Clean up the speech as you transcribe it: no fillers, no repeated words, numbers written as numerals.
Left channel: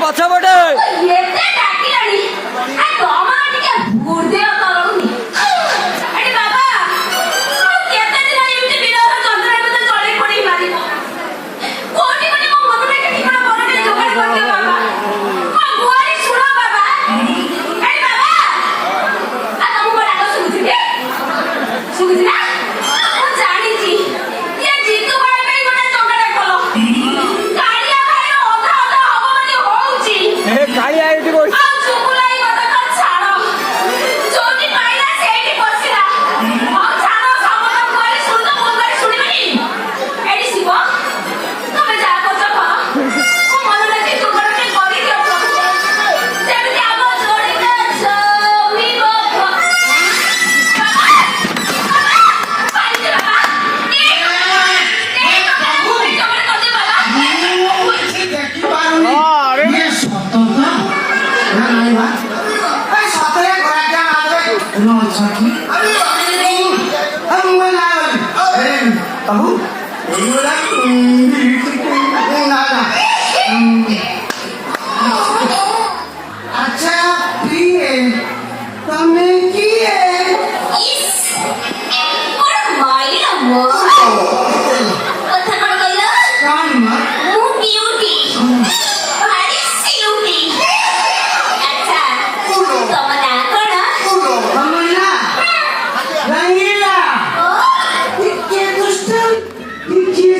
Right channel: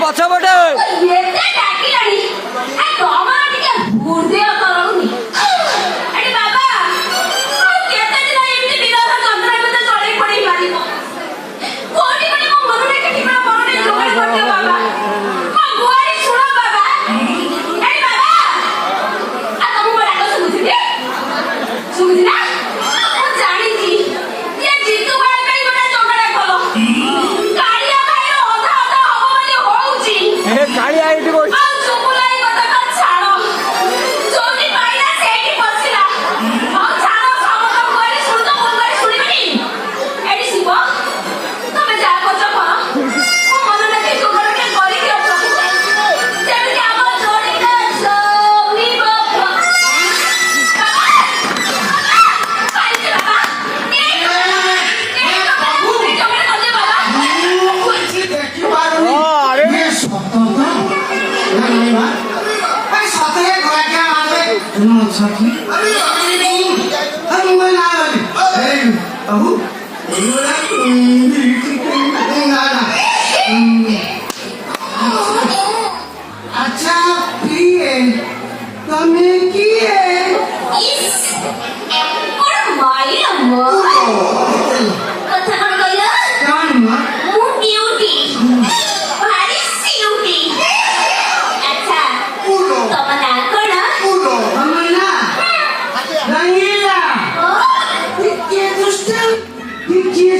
ପଛପଟେ ଏତେ ଡାକିଲାଣି ତମର ଟିକେ ବୁଦ୍ଧି କରଉନି ଏଠି ବାବା କେତେ ଦିନ ଏମିତି ବିରୋଧ ଯନ୍ତ୍ରଣା ଭିତରେ ଚଳେଇ ପଡେଇ ପାରିବ କୋଉଠି ଗୋଟେ ମୋ ମନରେ ଠିକଣା ମନରେ ଯୋଗାଡ଼ କରିଦିଅ ବାବା ମୋ ଗୁଆରି ଶୁଣ ବାବା ଏଠି ବାବା ତମକୁ ମୋ ଡାକ ଶୁଭୁଛି କି ଶୁଭୁଛି ନା ମୁଁ ଜାଣିଛି ଏ ଜିତୁ ଭାଇ ପାଇଁ ଗୋଟେ ଯୋଗାଡ଼ କଲ କାଳିଆ ଭାଇର ଅଧା ଅଧା ହବ ବୋଲି ହଉଛି କାଳିଆ ଏଇଠି ବସି अच्छा प्रिय તમે કીએ কথা কোন কইলা કાન માં ମୁଁ ବିଉଟି ଭାରି ସିଉଟି ଆଚ୍ଛା ତମ ନାଁ କଣ પૂરો હમણા રંગીલા ટીકે દુષ્ટમ ટીકે